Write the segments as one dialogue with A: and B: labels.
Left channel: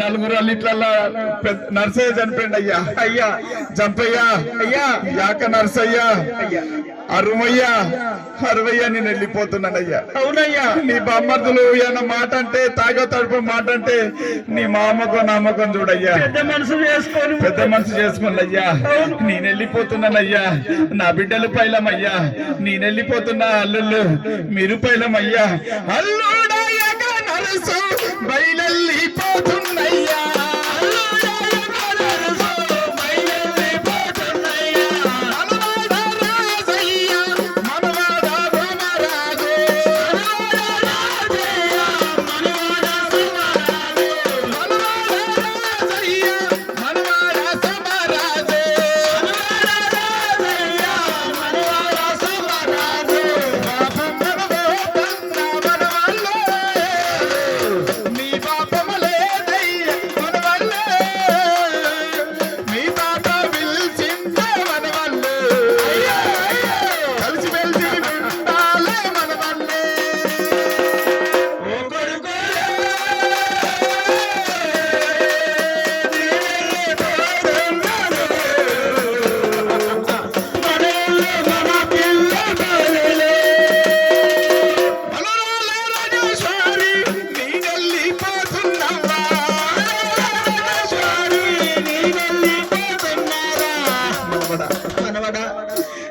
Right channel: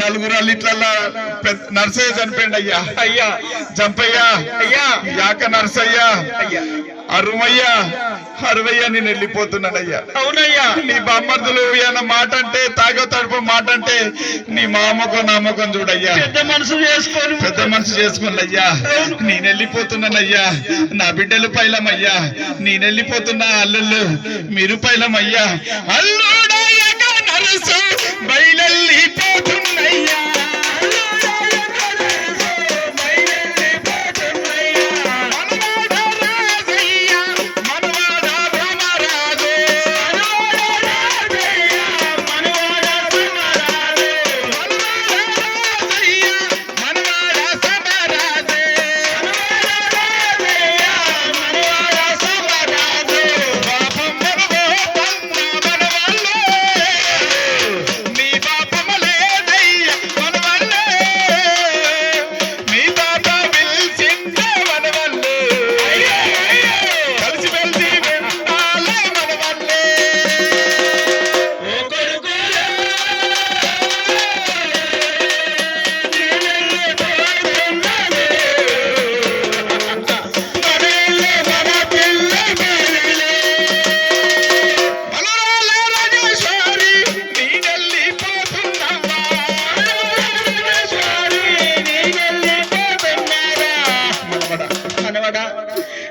A: నలుగురు అల్లిట్లల్లా నర్సయ్య చనిపోయింది అయ్యా.
B: అయ్యా
A: జంపయ్య
B: అయ్యా
A: యాక నర్సయ్య.
B: అయ్యా
A: అరుమయ్య అరవయ్య నేను వెళ్ళిపోతున్నానయ్యా
B: అవునయ్యా
A: నీ బామ్మర్దులు ఏమన్నా మాట అంటే తాగో తడుపు మాట అంటే నీ మామకం నామకం చూడయ్యా
B: పెద్ద మనసు చేసుకొని
A: పెద్ద మనసు చేసుకోండి నేను వెళ్ళిపోతున్నానయ్యా నా బిడ్డలు పైలమయ్యా. నేను వెళ్ళిపోతున్నా అల్లుళ్ళు. మీరు పైలమయ్యా. అల్లుడయ్యక ಮನಸ್ಸು ಬೈಲಲ್ಲಿ మనవడా,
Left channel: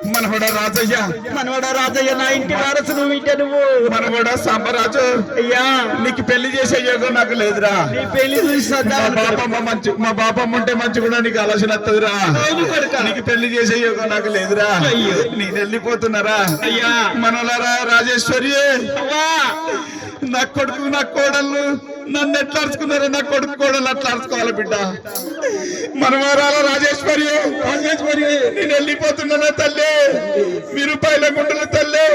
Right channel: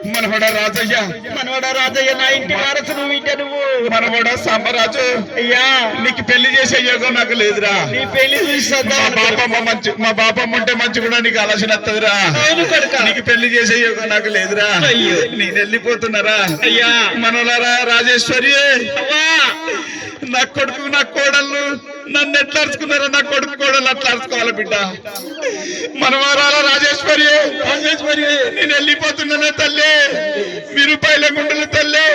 A: మనవడ రాజయ్య. మనవడ రాజయ్య
B: నా ఇంటి వారసును వింట నువ్వు.
A: మనవడ సాంబరాజు.
B: అయ్యా.
A: నీకు పెళ్ళి చేసే యోగం నాకు లేదురా.
B: నీ పెళ్ళి
A: బాపమ్మ మంచి మా బాపమ్మ ఉంటే మంచి కూడా నీకు ఆలోచన వస్తుందిరా. నీకు పెళ్ళి చేసే యోగం నాకు లేదురా.
B: అయ్యో.
A: నేను వెళ్ళిపోతున్నారా?
B: అయ్యా.
A: మనలారా రాజేశ్వరి. నా కొడుకు నా కోడళ్ళు. నన్ను ఎట్లా అరుచుకున్నారో నా కొడుకు కోడలు అట్లా అరుచుకోవాలి బిడ్డ. మనవారాల రాజేశ్వరి రాజేశ్వరి నేను వెళ్ళిపోతున్నానా తల్లి? మీరు పైల గుండెలు తల్లి?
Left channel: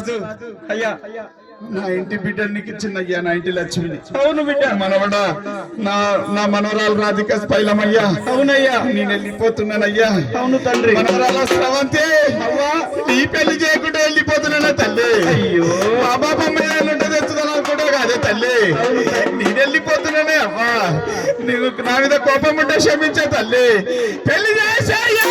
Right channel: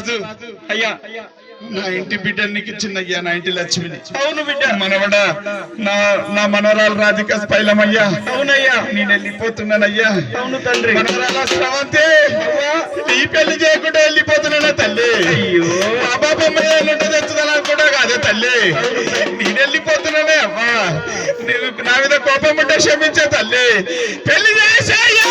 A: రాజు
B: అయ్యా.
A: నా ఇంటి బిడ్డ నీకు ఇచ్చిందయ్యా నా ఇంటి లక్ష్మిని.
B: అవును బిడ్డ.
A: మనవడ నా నా మనవరాలు రాధిక స్పైలమయ్యా.
B: అవునయ్యా.
A: నేను వెళ్ళిపోతున్నానయ్యా.
B: అవును తండ్రి.
A: మనవరాల అవ్వా. నీ పెళ్ళి చేయకుండా వెళ్ళిపోతున్నానా తల్లి.
B: అయ్యో.
A: మా బాబా మీద తెచ్చుదాలని కూడా కాదే తల్లి. నేను వెళ్ళిపోతున్నానే అమ్మా నీవు నా మీద కోపం ఉంటే క్షమించే తల్లి. పెళ్ళి చేసేయ్యా